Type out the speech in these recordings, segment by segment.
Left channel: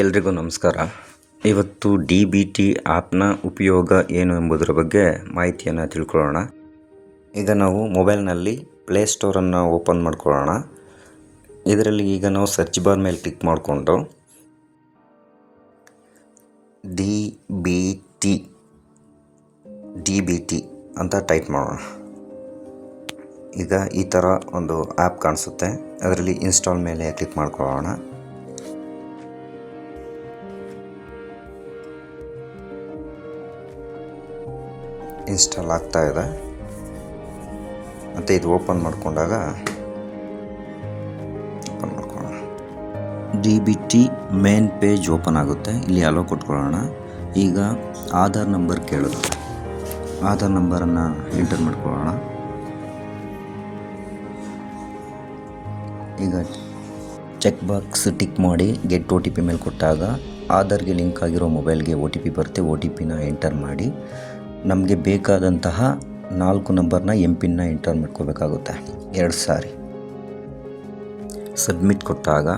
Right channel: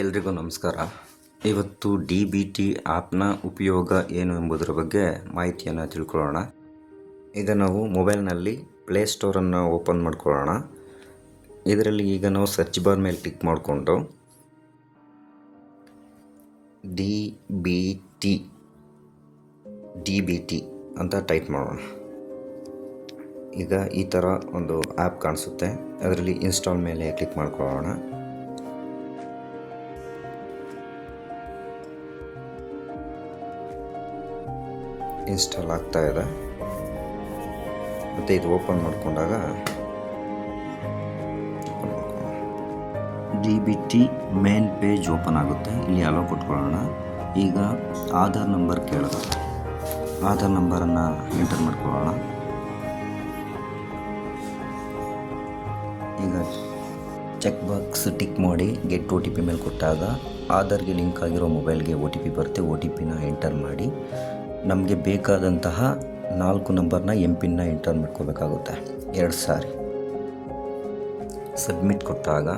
ಎಲ್ರಿಗೂ ನಮಸ್ಕಾರ. ಇವತ್ತು DBT ಆ್ಯಪ್ನ ಉಪಯೋಗ ಏನು ಎಂಬುದರ ಬಗ್ಗೆ ಮಾಹಿತಿಯನ್ನು ತಿಳ್ಕೊಳ್ಳೋಣ. ಈಗ ನಾವು ಮೊಬೈಲ್ನಲ್ಲಿ ಪ್ಲೇಸ್ಟೋರನ್ನು ಓಪನ್ ಮಾಡ್ಕೊಳ್ಳೋಣ. ಇದರಲ್ಲಿ ಈಗ ನಾವು ಸರ್ಚ್ ಬಾರ್ ಮೇಲೆ ಕ್ಲಿಕ್ ಮಾಡಿಕೊಂಡು DBT ಅಂತ ಟೈಪ್ ಮಾಡೋಣ. ಈಗ ಈ ಥರ ಒಂದು ಆ್ಯಪ್ ಕಾಣಿಸುತ್ತೆ. ಅದರಲ್ಲಿ ಇನ್ಸ್ಟಾಲ್ ಮೇಲೆ ಕ್ಲಿಕ್ ಮಾಡ್ಕೊಳ್ಳೋಣ. ಇನ್ಸ್ಟಾಲ್ ಆಗ್ತಾ ಇದೆ ಮತ್ತು ಇದು ಓಪನ್ ಮಾಡಿಕೊಂಡಾಗ DBT ಮೇನ್ ಪೇಜ್ ಓಪನ್ ಆಗುತ್ತೆ. ಇಲ್ಲಿ ಅಲೋ ಕೊಟ್ಕೊಳ್ಳೋಣ. ಈಗ ಆಧಾರ್ ನಂಬರ್ ಕೇಳುತ್ತೆ. ಆಧಾರ್ ನಂಬರನ್ನು ಎಂಟರ್ ಮಾಡ್ಕೊಳ್ಳೋಣ. ಈಗ ಚೆಕ್ ಬಾಕ್ಸ್ ಟಿಕ್ ಮಾಡಿ ಗೆಟ್ OTP ಮೇಲೆ ಕೊಟ್ಟಾಗ ಆಧಾರ್ಗೆ ಲಿಂಕ್ ಆಗಿರೋ ಮೊಬೈಲ್ಗೆ OTP ಬರುತ್ತೆ. OTPನ ಎಂಟರ್ ಮಾಡಿ ನಮಗೆ ಬೇಕಾದಂತಹ 4 ನಂಬರ್ನ MPIN ಎಂಟರ್ ಮಾಡ್ಕೋಬೇಕಾಗುತ್ತೆ 2 ಸಾರಿ. ಸಬ್ಮಿಟ್ ಕೊಟ್ಟಾಗ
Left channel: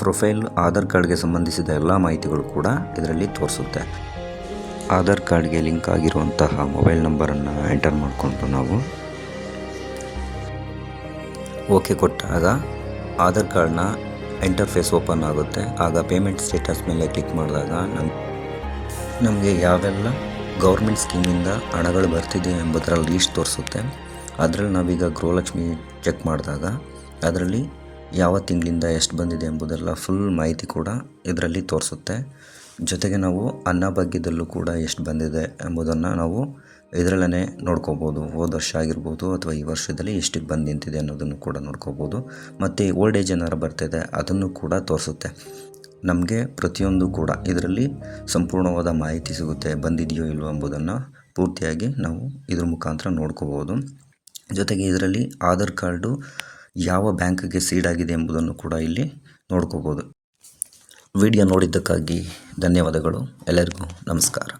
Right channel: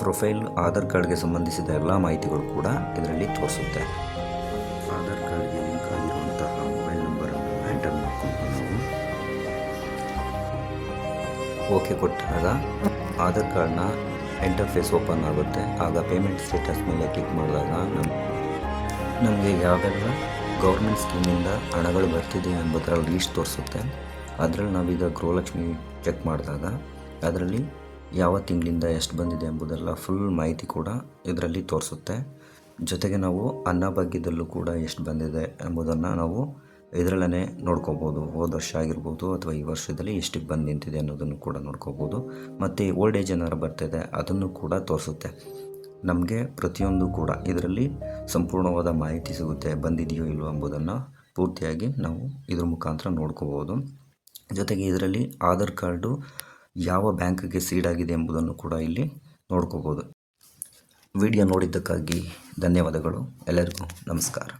ಪ್ರೊಫೈಲ್ ಆಧಾರ್ ಕಾರ್ಡ್ಗೆ ಸಂಬಂಧಿಸಿದ ಎಲ್ಲ ಮಾಹಿತಿಗಳು ಕೂಡ ಇದರಲ್ಲಿ ತೋರಿಸುತ್ತೆ. ಆಧಾರ್ ಕಾರ್ಡ್ಗೆ ಲಿಂಕ್ ಆಗಿರುವಂತಹ ಮೊಬೈಲ್ ನಂಬರನ್ನು ಎಂಟರ್ ಮಾಡಿಕೊಂಡು ನಾವು ಓಕೆ ಕೊಟ್ಟಾಗ ಆಧಾರ್ ಕಾರ್ಡ್ನ ಇಂಟರ್ಫೇಸ್ ಓಪನ್ ಆಗುತ್ತೆ. ಆಗ ಪೇಮೆಂಟ್ ಸ್ಟೇಟಸ್ ಮೇಲೆ ಕ್ಲಿಕ್ ಮಾಡಿದಾಗ ನಮಗೆ ಯಾವೆಲ್ಲ ಗೌರ್ಮೆಂಟ್ ಸ್ಕೀಮಿಂದ ಹಣಗಳು ಬರ್ತಿದೆ ಎಂಬುದರ ಲೀಸ್ಟ್ ತೋರಿಸುತ್ತೆ. ಅದರಲ್ಲಿ ನಾವೀಗ ಗೃಹಲಕ್ಷ್ಮಿ ಚೆಕ್ ಮಾಡಿದಾಗ ಅದರಲ್ಲಿ ಯಾವ ತಿಂಗಳಿಂದ ಎಷ್ಟು ಬಂದಿದೆ ಎಂಬುದೆಲ್ಲ ಫುಲ್ ಮಾಹಿತಿ ಕೂಡ ಇದರಲ್ಲಿ ತೋರಿಸುತ್ತೆ. ಜೊತೆಗೆ ನಾವು ಅನ್ನಭಾಗ್ಯದಲ್ಲೂ ಕೂಡ ಎಷ್ಟು ಬಂದಿದೆ ಎಂಬುದನ್ನು ನಾವು ಇದರಲ್ಲೇ ನೋಡ್ಕೋಬೋದು. ಹೋದ ವರ್ಷ ಆಗಿರ್ಬೋದು ಅಥವಾ ಈ ವರ್ಷದಲ್ಲಿ ಎಷ್ಟಿಗೆ ಬಂದು ನಿಂತಿದೆ ಅನ್ನೋದನ್ನು ಕೂಡ ನೋಡ್ಕೋಬೋದು. ಮತ್ತು ಓಲ್ಡ್ ಏಜ್ ಏನಾರು ಬರ್ತಿದೆ ಅದನ್ನು ಕೂಡ ತೋರಿಸುತ್ತೆ. ನಮಗೆ ಪ್ರತಿಯೊಂದು ಕೂಡ ಇದರಲ್ಲಿ ಸಂಪೂರ್ಣವಾದ ಮಾಹಿತಿ ಸಿಗುತ್ತೆ. ಬಂದಿದೆಯೋ ಇಲ್ಲವೋ ಎಂಬುದನ್ನು ಪೂರ್ತಿಯಾಗಿ ನಾವು ಇದ್ರ ಮುಖಾಂತರ ನೋಡ್ಕೋಬೋದು. ಜೊತೆಗೆ ಇದರಲ್ಲಿ ಆಧಾರ್ ಕಾರ್ಡು ಯಾವ ಬ್ಯಾಂಕ್ಗೆ ಸೀಡ್ ಆಗಿದೆ ಎಂಬುದನ್ನು ಕೂಡ ಇಲ್ಲಿ ನೋಡ್ಕೋಬೋದು. ವಿಡಿಯೋ ನೋಡಿದ್ದಕ್ಕಾಗಿ ಧನ್ಯವಾದಗಳು. ಎಲ್ಲರಿಗೂ ನಮಸ್ಕಾರ.